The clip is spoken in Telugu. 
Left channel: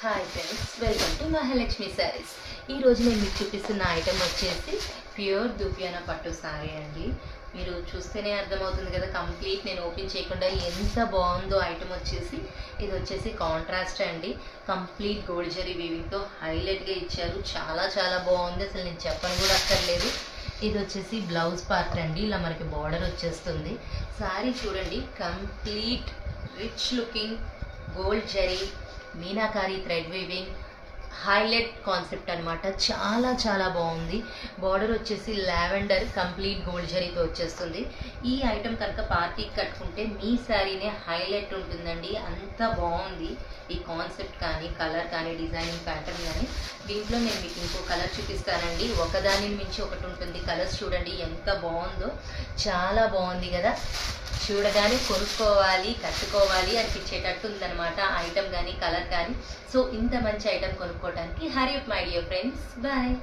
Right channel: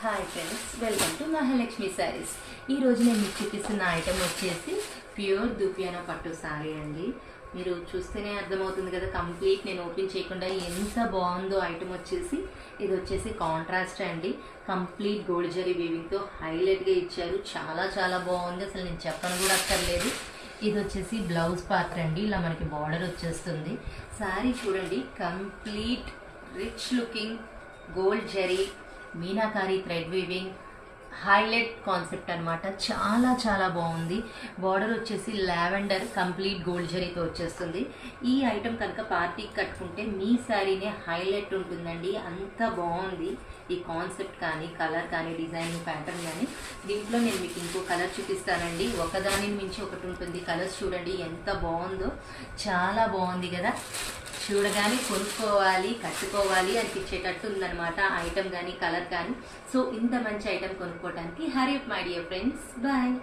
Hi friends, welcome to Mahalakshmi saris. ఈరోజు నేను మీకు చూపిస్తున్న ఐటెం వచ్చేసి ప్యూర్ దుపియానా పట్టు శారీ అండి. మీరు చూస్తేనే అర్థమవుతుంది కదా, కంప్లీట్ నేను ఓపెన్ చేయకుండా ఎంత బాగుందో ఐటెం వచ్చేసి. ఇది వచ్చేసి కాంట్రాస్ట్ అండి, కంప్లీట్ గోల్డ్ జరీ వీవింగ్తో హైలైట్గా ఇచ్చారు. చాలా చాలా బాగుంది, అసలు నేను చెప్పను కూడా అక్కర్లేదు. ఇది వచ్చేసి బ్లౌజ్ పార్ట్ అండి, ఇలా మనకి బార్డర్ వచ్చేస్తుంది. శారీ చూడండి, complete rich looking gold zari meenakari thread weaving highlight concept అనమాట. చాలా చాలా బాగుంది. బార్డర్ వచ్చేసి లావెండర్ కంప్లీట్ గోల్డ్ జరీతో వచ్చేస్తుంది. ఈ ఐటెం కనుక పార్టీకి కట్టుకుంటే మీ శారీనే హైలైట్ ఉంటుందండి, అంత బాగుంది ఈ కాన్సెప్ట్ కానీ, కలర్ కానీ, డిజైనింగ్ ప్యాటర్న్ కానీ. దీంట్లో నేను మీకు ఇంకో కలర్ చూపిస్తానండి, ఒకదాని మించి ఒకటి ఉంటుంది. కలర్స్ చూడండి ఎంత బాగుందో, చాలా బాగుంది కదా. చూడగానే కొనుక్కోవాలి, కట్టుకోవాలి అనిపించేటట్టు ఉందన్నమాట ఐటమ్ కానీ, కలర్ కానీ. సో ఇంత మంచి ఐటమ్ కొనుక్కోవడానికి hurry up my dear friends, bye.